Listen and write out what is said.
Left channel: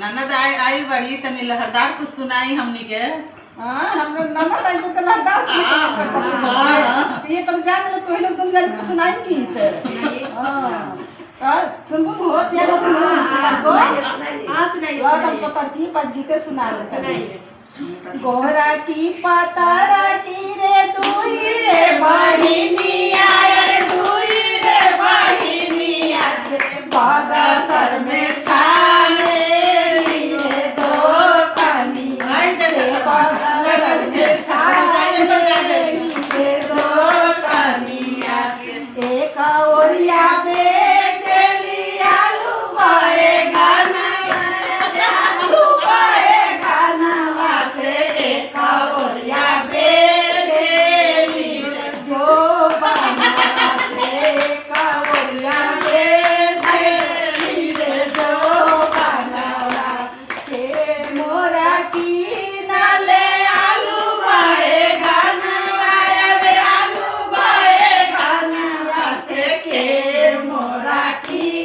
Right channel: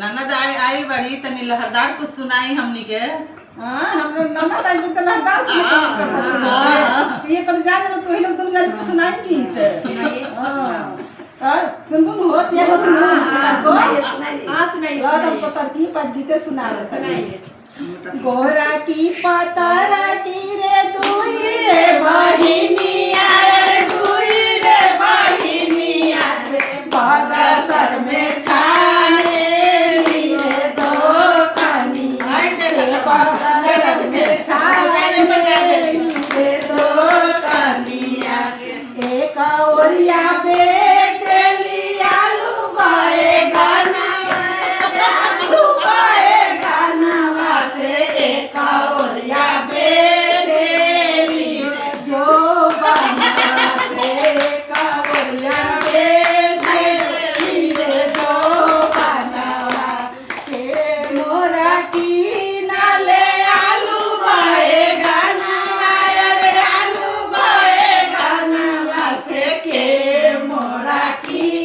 ननद आई बड़ी तनी लहरदार कुछ सुनाई हमनी के। हां हम ननद आई तो लहरदार सुनाई। ये तो जान लो तो ही लोग दुनिया को सुनाई की थे। हां सुन हो तेरे सुनाई। हां सुनाई हम तो तरकीब पद गीते सुना सुनाई। गोरा की पतारा की रे दुई रे बहिनिया रे दुई रे बहिनिया से बागा सर में छाने रे दो कानी से बागा सर में छाने रे दो कानिया से एक ओरिया पे चली आलू बाए गाना आलू बाए गाना वासे एक ओरिया पे चली जो बना से एक ओरिया पे चली रे जो बना के मोरा की नाले आलू बाए गाना रे आलू बाए गाना वासे के मोरा की